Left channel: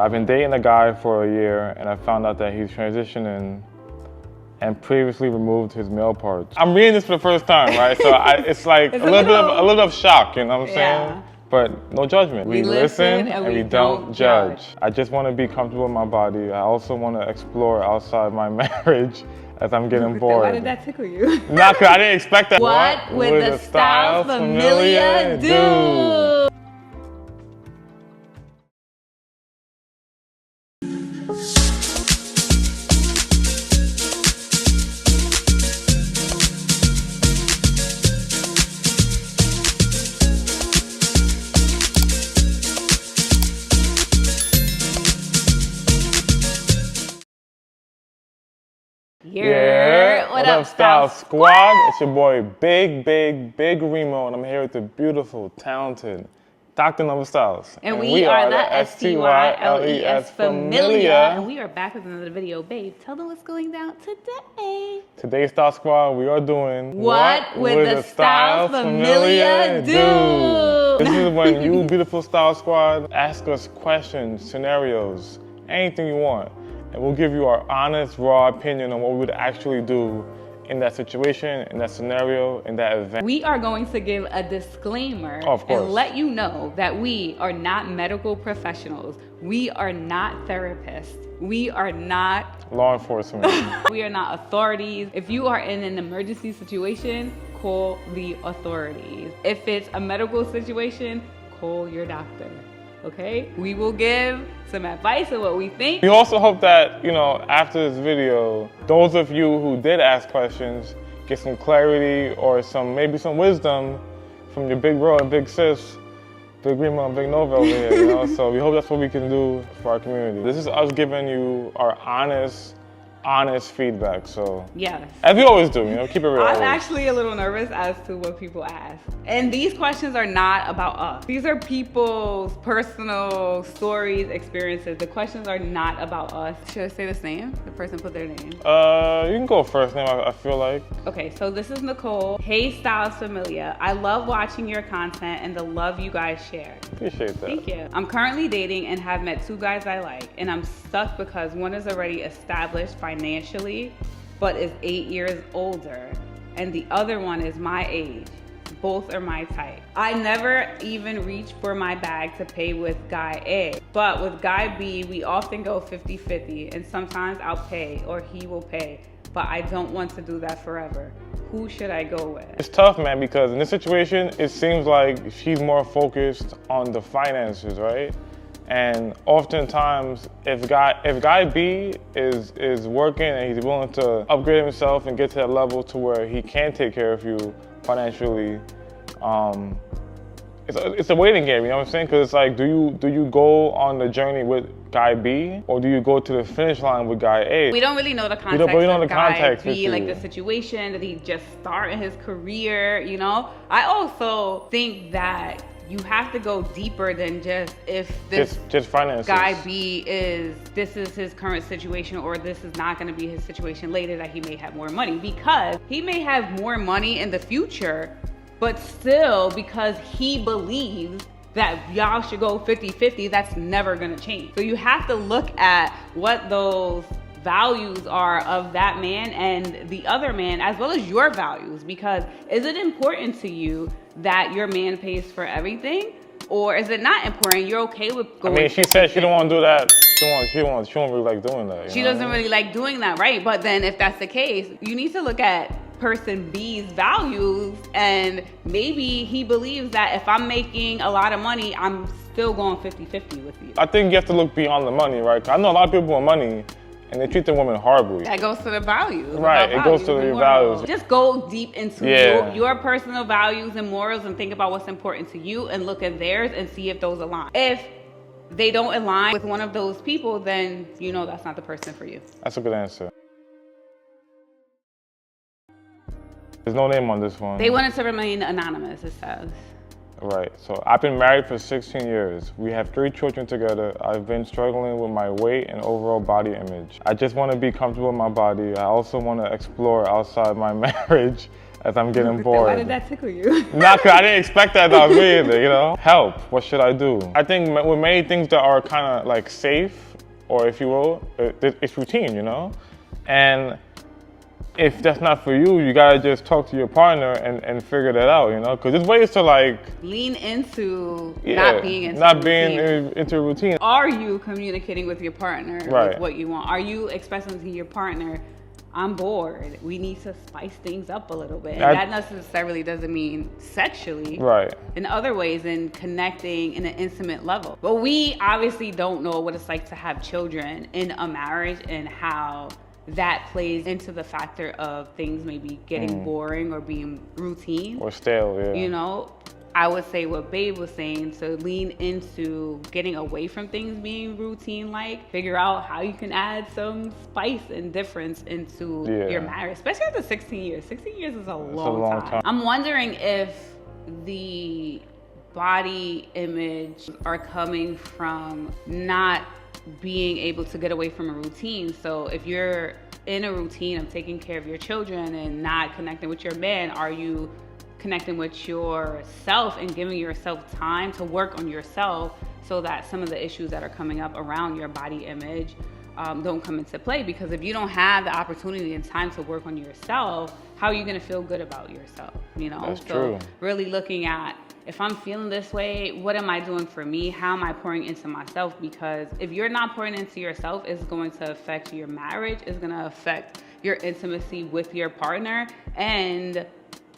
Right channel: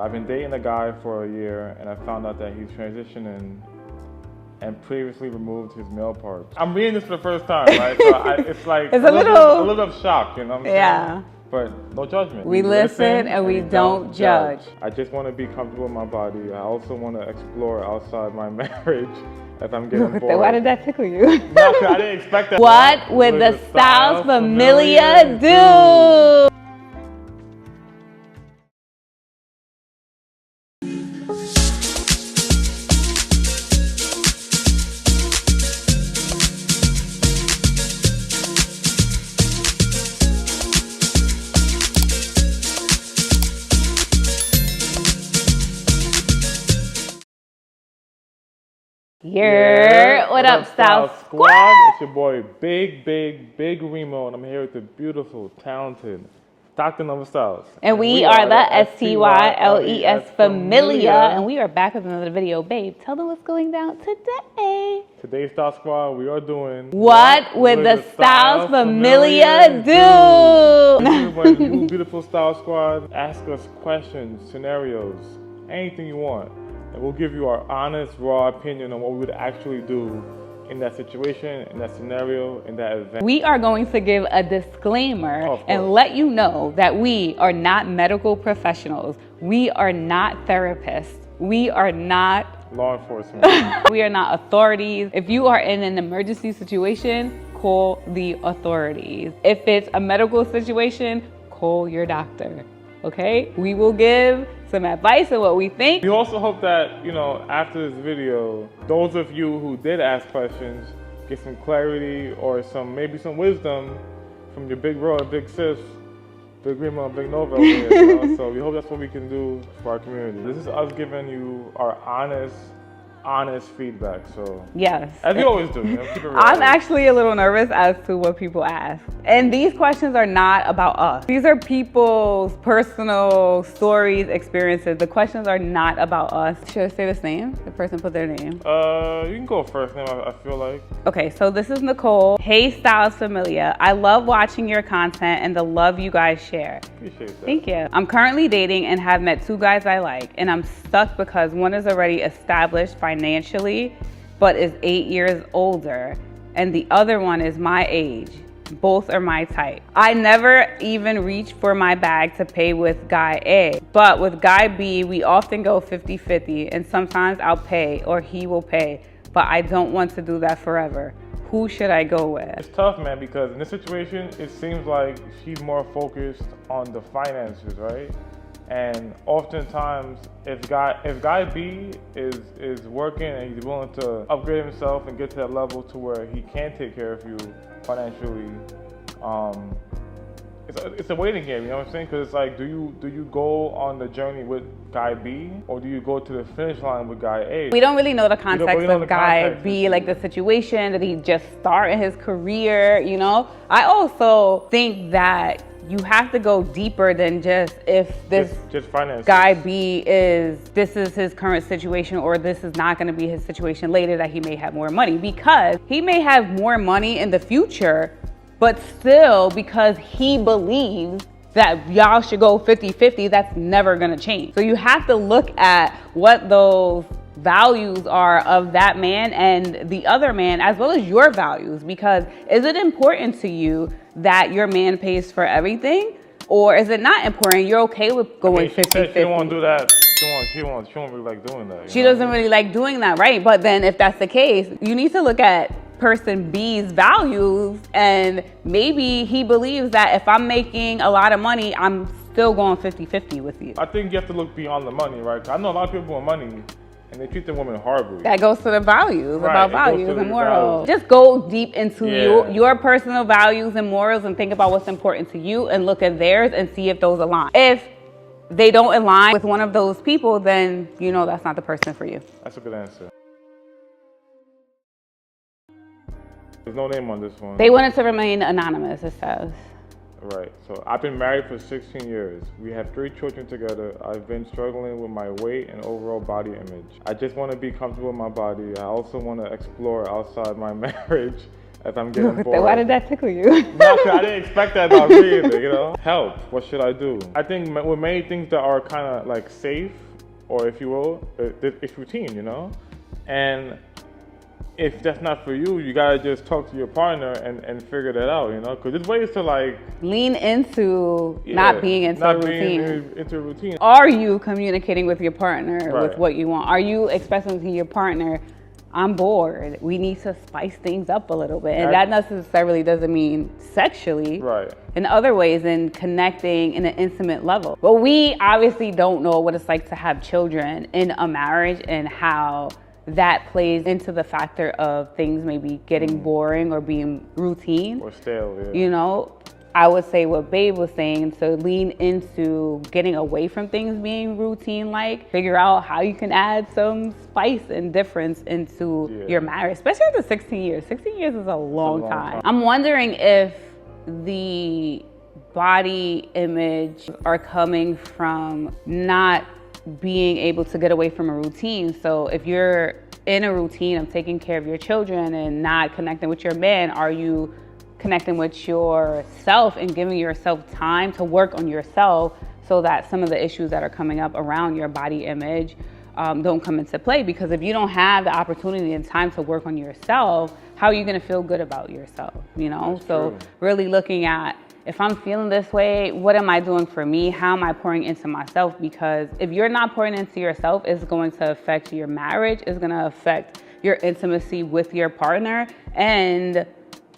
I've been dating a guy for a year and I found out that he's transitioning and previously removed his male parts. I'm reading this for the first time, right? So it's like it's a little bit of shock, you know what I'm saying? But no judgment. We listen and we don't judge. I just want to be comfortable in my body. I also want to explore outside my marriage as I'm getting bored. Why did that tickle you? Nah, cause I didn't expect that. What would the Styles Familia do? What up, Styles Squad? It's your boy, Big Remo, and I'm here with the beautiful, talented Dr. Nova Styles. And we are the STYLES Familia, and we are back with another video. Babe, tell them what's going down today. Today's Styles Squad, we are doing What would the Styles Familia do? This is when you, beautiful Styles Squad, ask us questions, scenarios, anything you want. And we'll give you our honest, raw opinion on what we would actually do in that situation, in that scenario, in that event. We are going to give a disclaimer and let you know that we are not medical professionals. We are not therapists. We are not law enforcement. We are not authorities. If you are in an emergency situation, call the authorities. If it's a medical situation, call your doctor. Okay? We will give some advice on what we think. We also hope that, you know, after this video, those of you who did ask questions get some clarity or maybe some wisdom from your big bro and big sis, Big Remo and Big Nova over here, you know? So we hope that's what we can do for our community. This is us giving you our honest feedback, so yes, as we always do, you know, keep it real. I'm actually a little nervous as to what people ask, and these questions are not about us. These are people's personal stories, experiences. The questions are not about us. Should I say this name? The person put their name. You can go first now, I feel like. Okay, so this is Nicole. Hey, Styles Familia. I love watching your content and the love you guys share. Appreciate that. Thank you. I'm currently dating and have met two guys I like, and I'm stuck because one is already established financially, but is 8 years older, and the other one is my age. Both are my type. I never even reach for my bag to pay with guy A, but with guy B, we often go 50-50, and sometimes I'll pay or he will pay, but I don't want to do that forever. Who should I go with? It's tough, man, because in this situation, it seems like she's more focused on the finances, right? And oftentimes, if guy B is working and he's willing to upgrade himself and get to that level to where he can take care of you financially, it's a waiting game, you know what I'm saying? Because it's like, do you go on the journey with guy B, or do you go to the finish line with guy A? We don't really know the context of guy B, like the situation, that he just started his career, you know? I also think that you have to go deeper than just if this guy B this is his current situation, or this is not gonna be his situation later, that he may have more money, because he may have more money in the future, but still, because he believes that y'all should go 50-50, that's never gonna change. So you have to look at what those values are of that man and the other man, as well as your values, because is it important to you that your man pays for everything, or is it not important? You're okay with going 50-50. I mean, she said she don't want to do that. She don't really like doing that. She doesn't really like doing that, right? But then if that's the case, you need to look at person B's values, and maybe he believes that if I'm making a lot of money, I'm still going 50-50 with you. I think you have to look beyond the money, right? I know a lot of people with money, and they treat their women horribly. That goes to the values, right, about values and morals. Values. Just go deep into your personal values and morals, and think about what's important to you, and look at theirs and see if those align. If they don't align with one of those people, then you know that's not the person for you. That's a good answer. There's no name on this one. They wanted to remain anonymous, it says. Right, so I've been married for 16 years. We have 3 children together. I've been struggling with my weight and overall body image. I just want to be comfortable in my body. I also want to explore outside my marriage as I'm getting bored. Why did that tickle you? Nah, cause I didn't expect that about me either, you know? Help, what should I do? I think with many things that are kind of like safe, or if you will, it's routine, you know? And if that's not for you, you gotta just talk to your partner and figure that out, you know? Cause there's ways to like... lean into not being into a routine. Are you communicating with your partner with what you want? Are you expressing to your partner, I'm bored, we need to spice things up a little bit? And that necessarily doesn't mean sexually. Right. In other ways, in connecting in an intimate level. But we obviously don't know what it's like to have children in a marriage and how that plays into the factor of things maybe getting boring or being routine. Or stale, yeah. You know? I would say what Babe was saying, to lean into getting away from things being routine-like, figure out how you can add some spice and difference into your marriage, especially after 16 years. 16 years is a long time. I'm wondering if the body image are coming from not being able to get away from a routine. So if you're in a routine of taking care of your children and not connecting with your man, are you connecting with yourself and giving yourself time to work on yourself so that some of the issues that are coming up around your body image don't come into play? Because if you don't have the opportunity and time to work on yourself, how are you going to feel good about yourself? You know, That's true. Really looking at, if I'm feeling this way, what am I doing for me? How am I pouring into myself? Because if you're not pouring into yourself, it's going to affect your marriage. It's going to affect your intimacy with your partner. And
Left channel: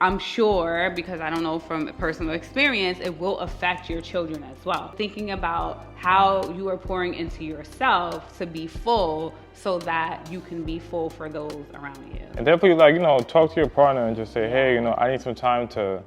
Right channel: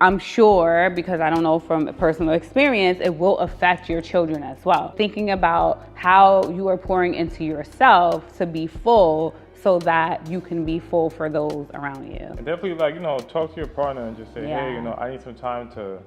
I'm sure, because I don't know from personal experience, it will affect your children as well. Thinking about how you are pouring into yourself to be full so that you can be full for those around you. And definitely, like, you know, talk to your partner and just say, hey, you know, I need some time to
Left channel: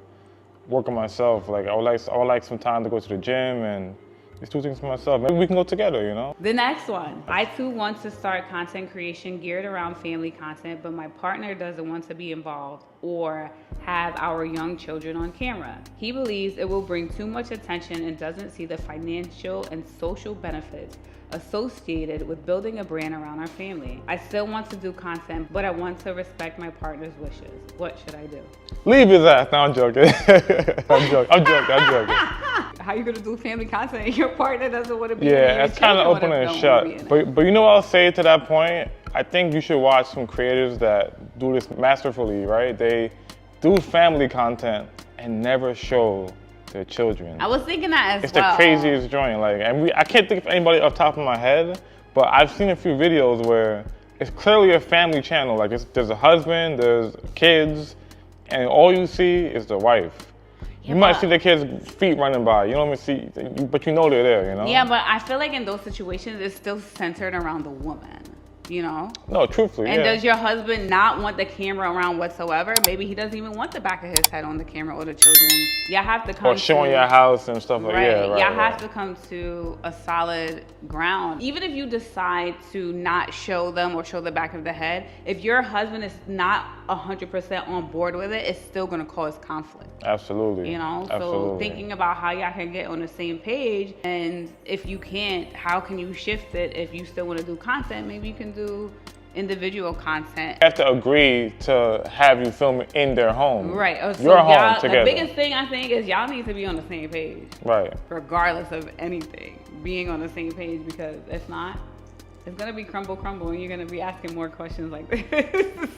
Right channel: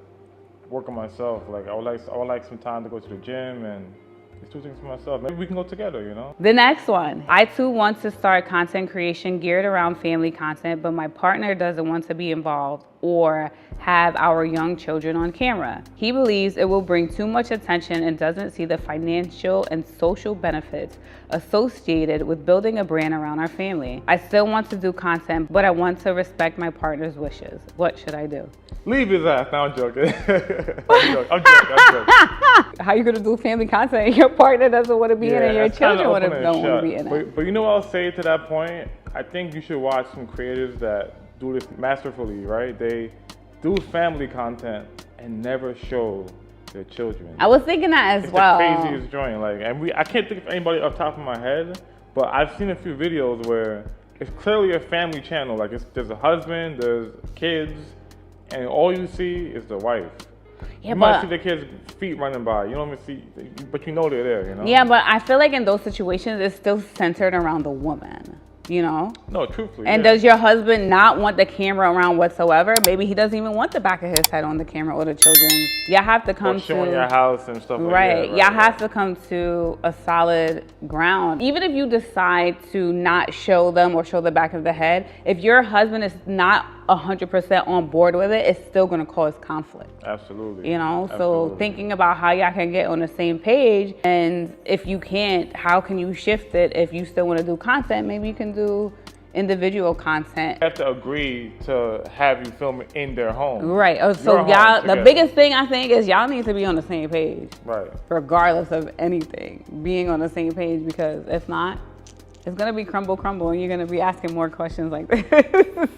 work on myself. Like, I would like some time to go to the gym and just do things for myself. Maybe we can go together, you know? The next one. I too want to start content creation geared around family content, but my partner doesn't want to be involved or have our young children on camera. He believes it will bring too much attention and doesn't see the financial and social benefits associated with building a brand around our family. I still want to do content, but I want to respect my partner's wishes. What should I do? Leave his ass. No, I'm joking. I'm joking. How you gonna do family content and your partner doesn't want to be in it and your children don't want to be in it? But you know what I'll say to that point? I think you should watch some creators that do this masterfully, right? They do family content and never show their children. I was thinking that as well. It's the craziest joint. Like, and I can't think of anybody off the top of my head, but I've seen a few videos where it's clearly a family channel. Like, there's a husband, there's kids, and all you see is the wife. Yeah, you might see the kids' feet running by. You don't even see, but you know they're there, you know? Yeah, but I feel like in those situations, it's still centered around the woman. You know? No, truthfully. And does your husband not want the camera around whatsoever? Maybe he doesn't even want the back of his head on the camera or the children. Y'all have to come or showing your house and stuff like that. Right. Y'all have to come to a solid ground. Even if you decide to not show them or show the back of the head, if your husband is not 100% on board with it, it's still going to cause conflict. Absolutely. You know, so thinking about how y'all can get on the same page, and if you can't, how can you shift it? If you still want to do content, maybe you can do individual content. You have to agree to have you film it in their home. Right. So y'all, the biggest thing I think is y'all need to be on the same page. Right. Regardless of anything, being on the same page, because if not, it's going to be crumble, and you're going to be asking more questions like this.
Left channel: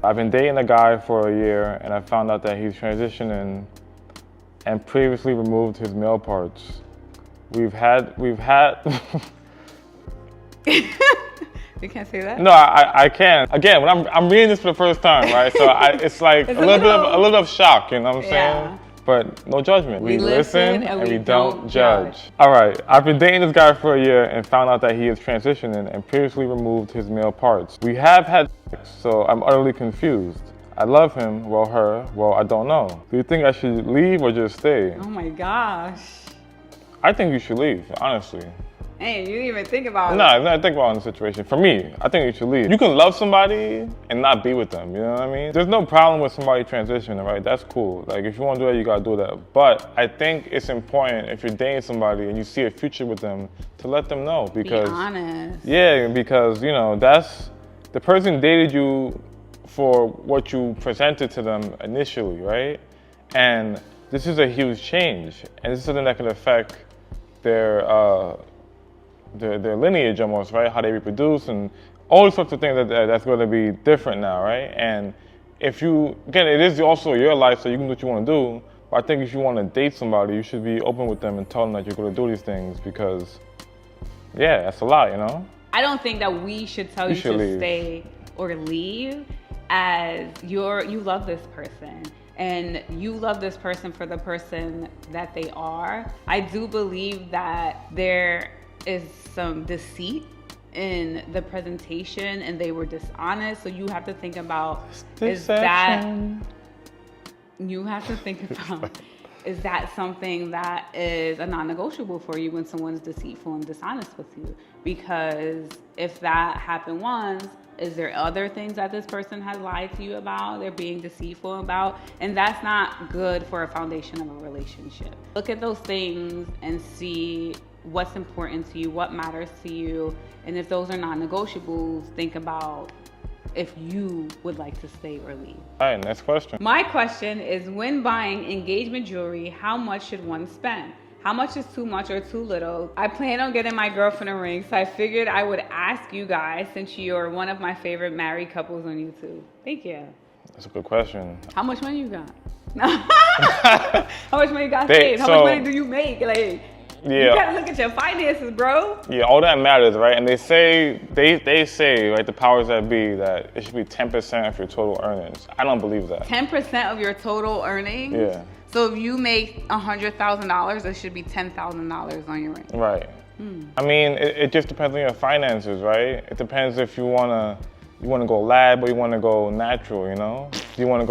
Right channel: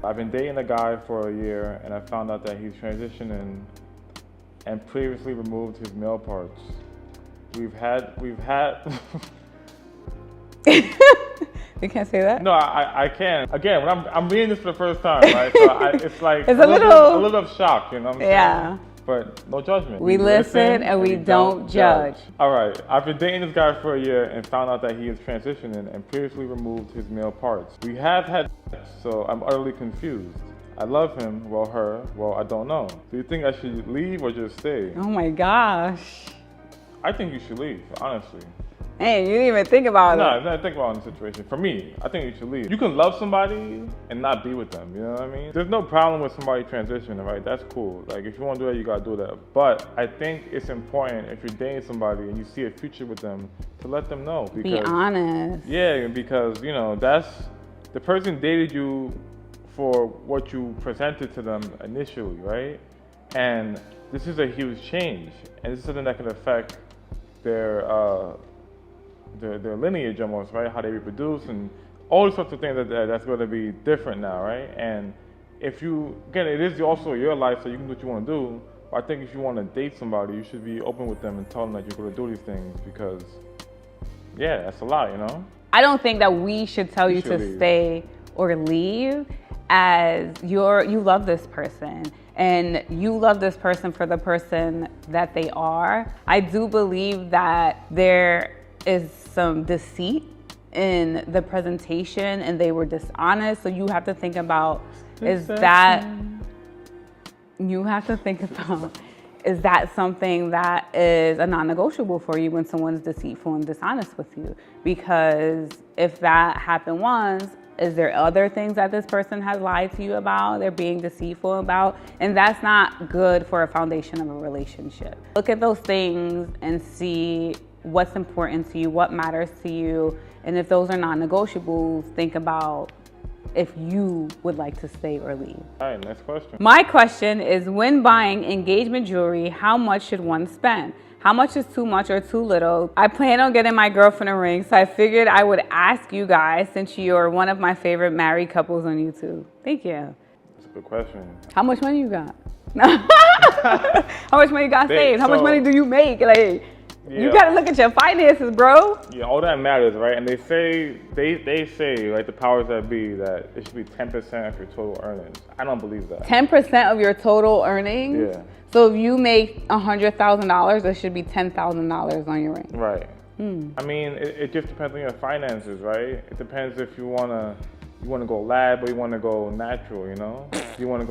I've been dating a guy for a year, and I found out that he's transitioning and previously removed his male parts. We've had. You can't say that? No, I can. Again, when I'm reading this for the first time, right? So it's like a little bit of shock, you know what I'm saying? But no judgment. We listen and we don't judge. All right, I've been dating this guy for a year and found out that he is transitioning and previously removed his male parts. We have had sex, so I'm utterly confused. I love him, well, her, well, I don't know. Do you think I should leave or just stay? Oh my gosh. I think you should leave, honestly. Hey, you didn't even think about it. No, I didn't think about the situation. For me, I think you should leave. You can love somebody and not be with them, you know what I mean? There's no problem with somebody transitioning, right? That's cool. Like, if you want to do that, you gotta do that. But I think it's important, if you're dating somebody and you see a future with them, to let them know. Because, be honest. Yeah, because, you know, the person dated you for what you presented to them initially, right? And this is a huge change, and this is something that can affect their lineage almost, right? How they reproduce and all sorts of things that's going to be different now, right? And if you, again, it is also your life, so you can do what you want to do. But I think if you want to date somebody, you should be open with them and tell them that you're going to do these things because, yeah, that's a lot, you know? I don't think that we should tell you to stay or leave as you love this person and you love this person for the person that they are. I do believe that there is some deceit in the presentation and they were dishonest. So you have to think about, is that something that is a non-negotiable for you when someone's deceitful and dishonest with you? Because if that happened once, is there other things that this person has lied to you about, they're being deceitful about? And that's not good for a foundation of a relationship. Look at those things and see what's important to you, what matters to you. And if those are non-negotiables, think about if you would like to stay or leave. All right, next question. My question is, when buying engagement jewelry, how much should one spend? How much is too much or too little? I plan on getting my girlfriend a ring, so I figured I would ask you guys since you're one of my favorite married couples on YouTube. Thank you. That's a good question. How much money you got? How much money you got saved? How much money do you make? Like, yeah. You gotta look at your finances, bro. Yeah, all that matters, right? And they say, right, the powers that be, that it should be 10% of your total earnings. I don't believe that. 10% of your total earnings? Yeah. So if you make $100,000, it should be $10,000 on your ring. Right. I mean, it just depends on your finances, right? It depends if you wanna go lab or you wanna go natural, you know? Do you wanna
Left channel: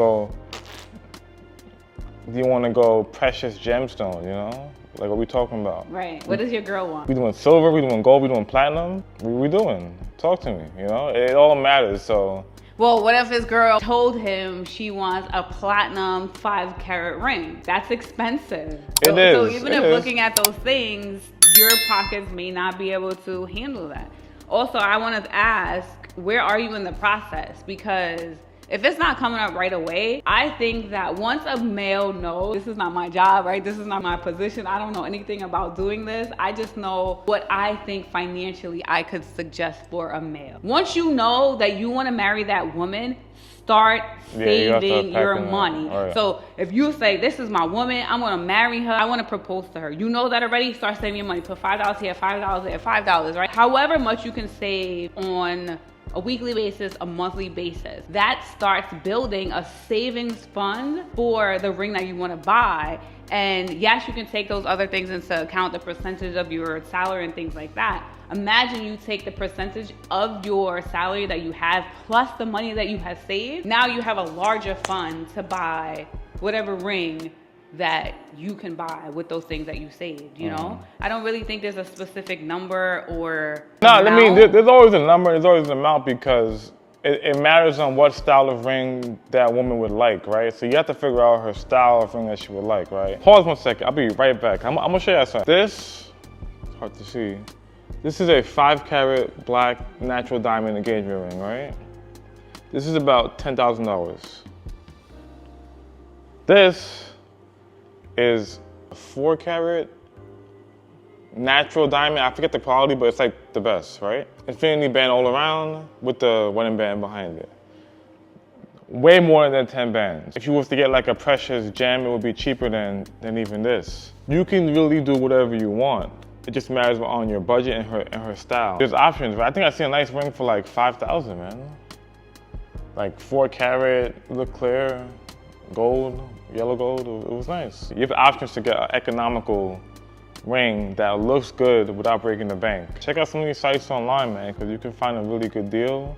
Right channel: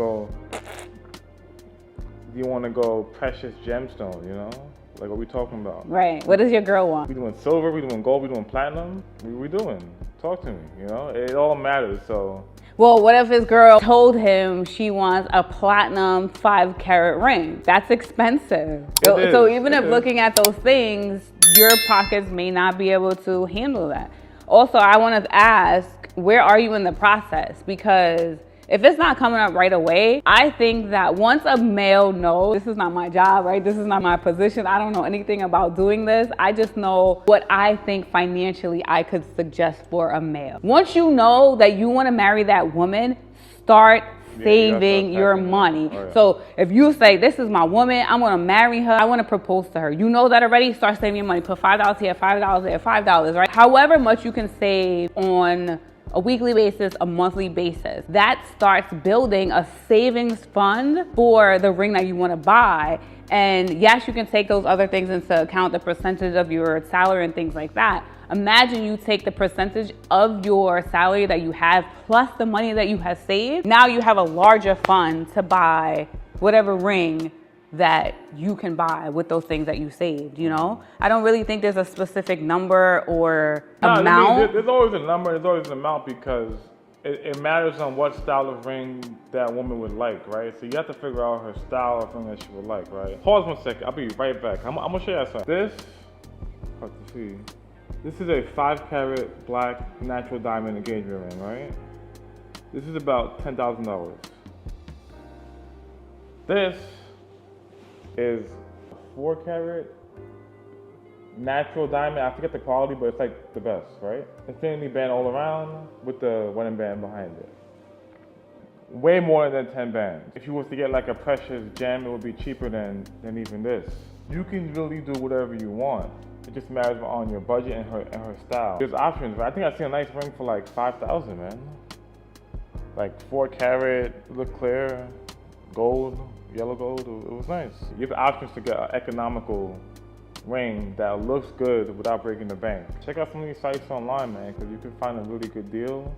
go precious gemstone, you know? Like, what we talking about? Right. What does your girl want? We doing silver, we doing gold, we doing platinum? What we doing? Talk to me, you know? It all matters, so. Well, what if his girl told him she wants a platinum 5-carat ring? That's expensive. So even if looking at those things, your pockets may not be able to handle that. Also, I want to ask, where are you in the process? Because if it's not coming up right away, I think that once a male knows, this is not my job, right? This is not my position. I don't know anything about doing this. I just know what I think financially I could suggest for a male. Once you know that you want to marry that woman, start saving your money. Right. So if you say, this is my woman, I'm going to marry her, I want to propose to her. You know that already, start saving your money. Put $5 here, $5 there, $5, right? However much you can save on a weekly basis, a monthly basis. That starts building a savings fund for the ring that you want to buy. And yes, you can take those other things into account, the percentage of your salary and things like that. Imagine you take the percentage of your salary that you have plus the money that you have saved. Now you have a larger fund to buy whatever ring that you can buy with those things that you saved, you know? I don't really think there's a specific number or amount. I mean, there's always a number, there's always an amount because it matters on what style of ring that woman would like, right? So you have to figure out her style of ring that she would like, right? Pause 1 second, I'll be right back. I'm gonna show you something. This, it's hard to see. This is a 5-carat black natural diamond engagement ring, right? This is about $10,000. This is a 4-carat natural diamond. I forget the quality, but it's like the best, right? Infinity band all around with the wedding band behind it. Way more than 10 bands. If you was to get like a precious gem, it would be cheaper than even this. You can really do whatever you want. It just matters on your budget and her style. There's options, right? I think I see a nice ring for like 5,000, man. Like 4-carat, look clear, gold, yellow gold, it was nice. You have options to get an economical ring that looks good without breaking the bank. Check out some of these sites online, man, because you can find a really good deal.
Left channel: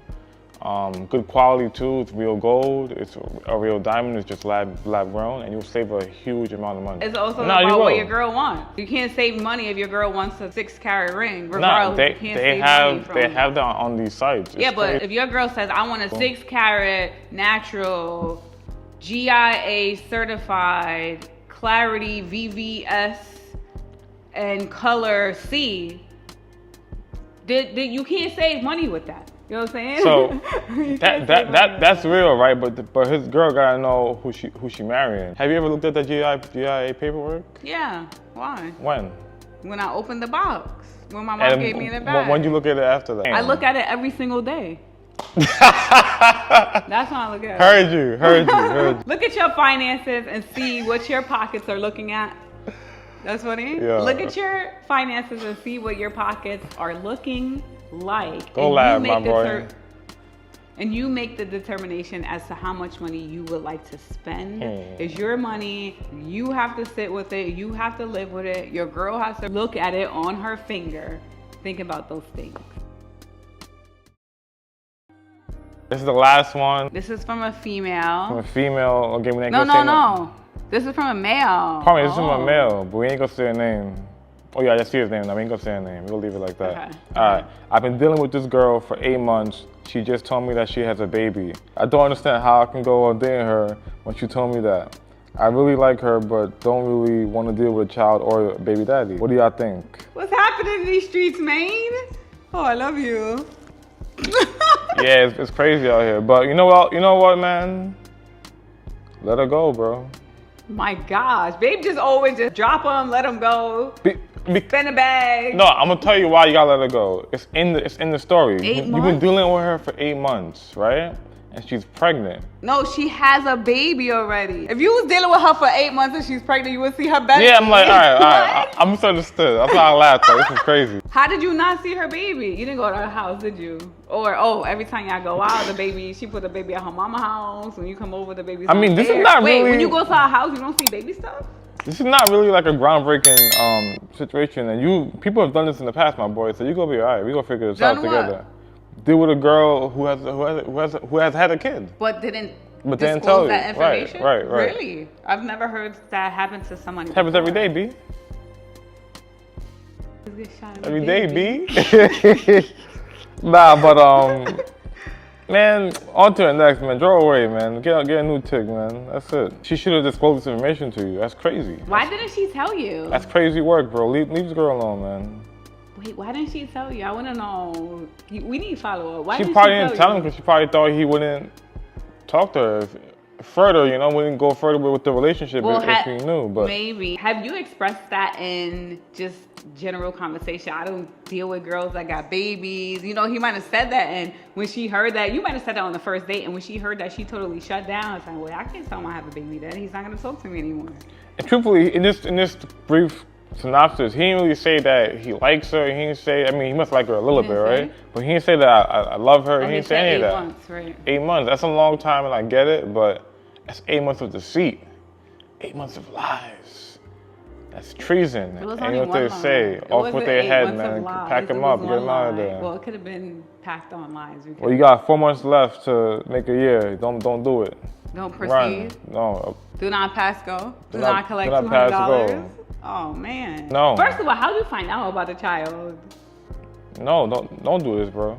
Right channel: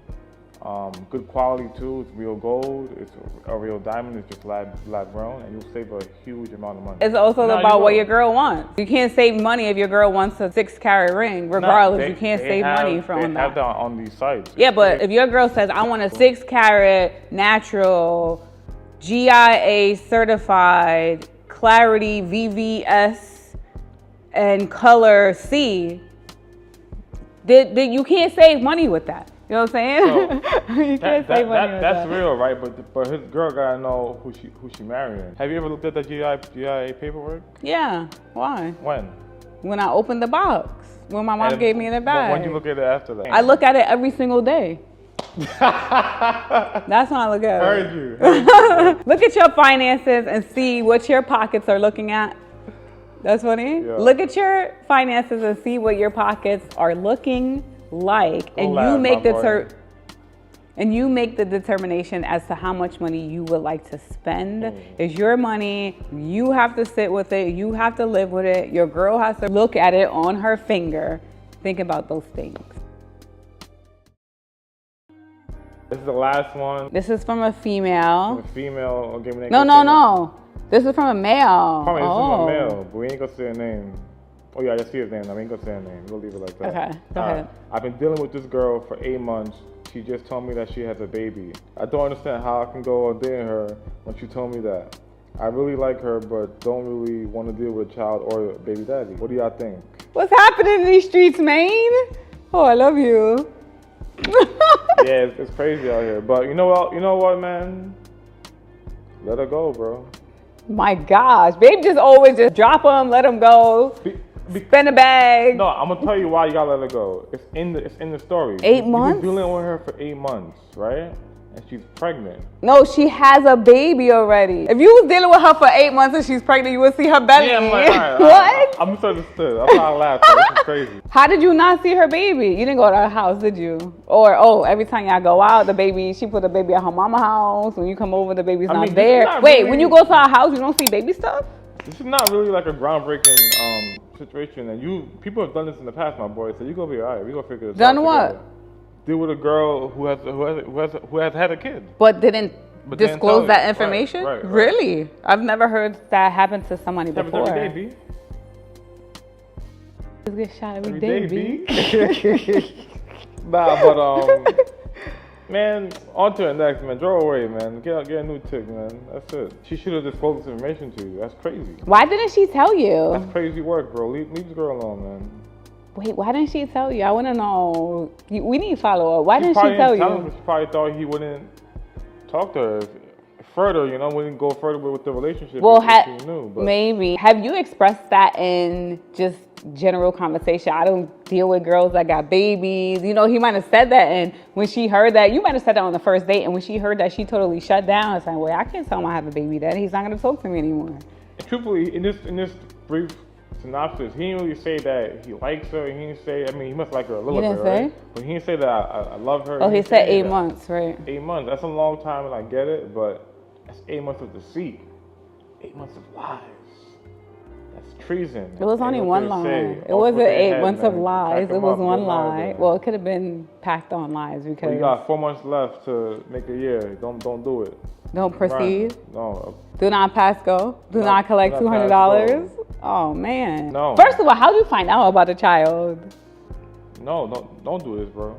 Good quality too, it's real gold, it's a real diamond, it's just lab grown, and you'll save a huge amount of money. It's also about what your girl wants. You can't save money if your girl wants a 6-carat ring, regardless, you can't save money from that. They have that on these sites. Yeah, but if your girl says, I want a 6-carat natural, GIA certified, clarity VVS, and color C, you can't save money with that. You know what I'm saying? So that's real, right? But his girl gotta know who she marrying. Have you ever looked at the GIA paperwork? Yeah. Why? When I opened the box. When my mom gave me the bag. When did you look at it after that? I look at it every single day. That's when I look at it. Heard you. Look at your finances and see what your pockets are looking at. That's funny. Yeah. Look at your finances and see what your pockets are looking like. And you make the determination as to how much money you would like to spend. It's your money. You have to sit with it. You have to live with it. Your girl has to look at it on her finger. Think about those things. This is the last one. This is from a female. From a female. Okay, No. This is from a male. Probably this is from a male, but we ain't gonna say her name. Oh yeah, I just see his name. We ain't gonna say her name. We'll leave it like that. Okay. Alright. I've been dealing with this girl for 8 months. She just told me that she has a baby. I don't understand how I can go on dating her when she told me that. I really like her, but don't really want to deal with a child or a baby daddy. What do y'all think? What's happening in these streets, man? Oh, I love you. Yeah, it's crazy out here. But you know what, man? Let her go, bro. My gosh, babe just always just drop them, let them go. Spend a bag. No, I'm gonna tell you why you gotta let her go. It's in the story. 8 months? You've been dealing with her for 8 months, right? And she's pregnant. No, she has a baby already. If you was dealing with her for 8 months and she's pregnant, you would see her belly. Yeah, I'm like, all right. I'm misunderstood. That's why I laughed. This is crazy. How did you not see her baby? You didn't go to her house, did you? Or, every time y'all go out, she put the baby at her mama's house. When you come over, the baby's not there. Wait, when you go to our house, you don't see baby stuff? This is not really like a groundbreaking situation. And people have done this in the past, my boy. So you're gonna be all right. We're gonna figure this out together. Deal with a girl who has had a kid. But didn't disclose that information? Right. Really? I've never heard that happen to somebody before. Happens every day, B. Get shot every day, B. Nah, but man, on to the next, man. Throw away, man. Get a new chick, man. That's it. She should have disclosed this information to you. That's crazy. Why didn't she tell you? That's crazy work, bro. Leave this girl alone, man. Wait, why didn't she tell you? I want to know. We need follow up. Why didn't she tell you? She probably didn't tell him because she probably thought he wouldn't talk to her further, wouldn't go further with the relationship if he knew. But maybe. Have you expressed that in just general conversation? I don't deal with girls that got babies. He might have said that, and when she heard that, you might have said that on the first date, and when she heard that, she totally shut down and said, well, I can't tell him I have a baby daddy. He's not going to talk to me anymore. And truthfully, in this brief synopsis, he didn't really say that he likes her. He didn't say, he must like her a little bit, right? But he didn't say that I love her. He said 8 months, right? 8 months, that's a long time, and I get it, but that's 8 months of deceit. 8 months of lies. That's treason. It was only one lie. It wasn't 8 months of lies. It was one lie. Well, it could have been packed on lies because. Well, you got 4 months left to make a year. Don't do it. Don't proceed. Run. No. Do not pass go. Do not collect $200. Oh man. No. First of all, how did you find out about the child? No, don't do this, bro.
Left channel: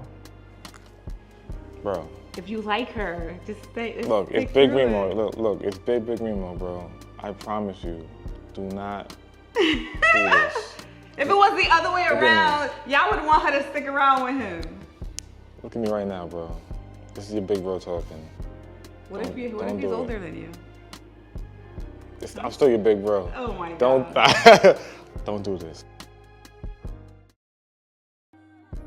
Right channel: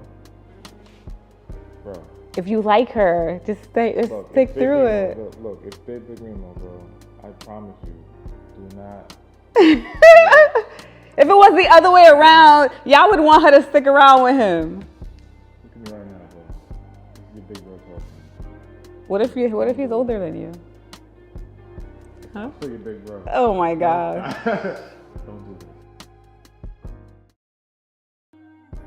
Bro. If you like her, just stay. Look, stick it's Big through Mimo. it. Look, it's Big Mimo, bro. I promise you, do not. If it was the other way around, y'all would want her to stick around with him. Look at me right now, bro. This is your big bro talking. What if he's older than you? I'm still your big bro. Oh my God. Don't do this.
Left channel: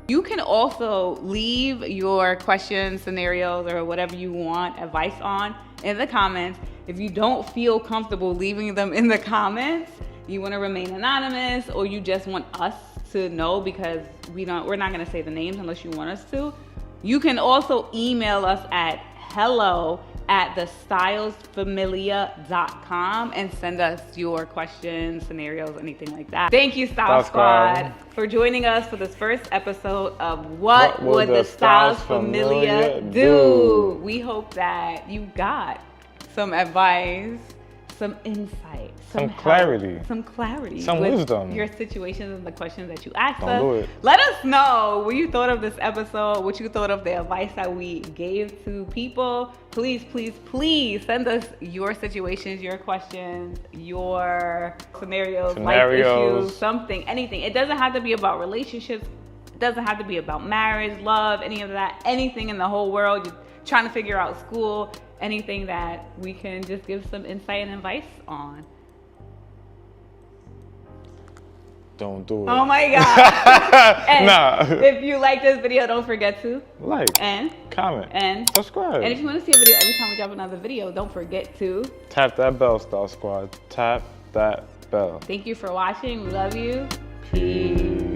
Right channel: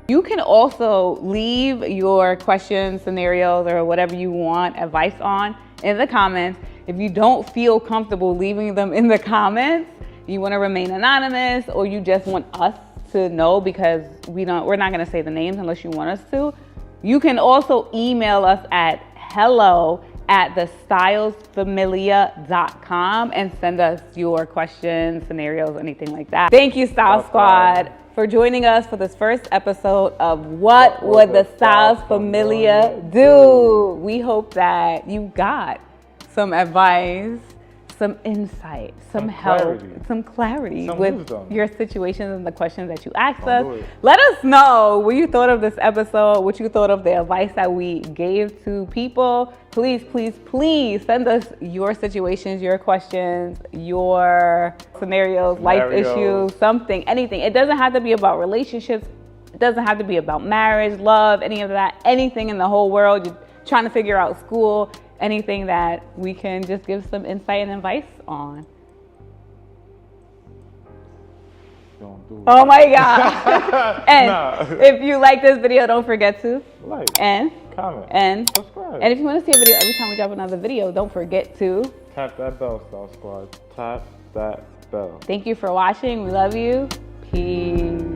You can also leave your questions, scenarios, or whatever you want advice on in the comments. If you don't feel comfortable leaving them in the comments, you want to remain anonymous, or you just want us to know because we're not going to say the names unless you want us to. You can also email us at hello@thestylesfamilia.com and send us your questions, scenarios, anything like that. Thank you, Style Squad, for joining us for this first episode of What Would the Styles Familia Do? We hope that you got some advice, some insight, some help, some clarity with wisdom. Your situations and the questions that you asked us. Let us know what you thought of this episode, what you thought of the advice that we gave to people. Please, please, please send us your situations, your questions, your scenarios, life issues, something, anything. It doesn't have to be about relationships. It doesn't have to be about marriage, love, any of that, anything in the whole world. You're trying to figure out school, anything that we can just give some insight and advice on. Don't do it. Oh my God. And if you like this video, don't forget to like, and comment, and subscribe. And if you want to see a video every time we drop another video, don't forget to tap that bell, Star Squad. Tap that bell. Thank you for watching. We love you. Peace.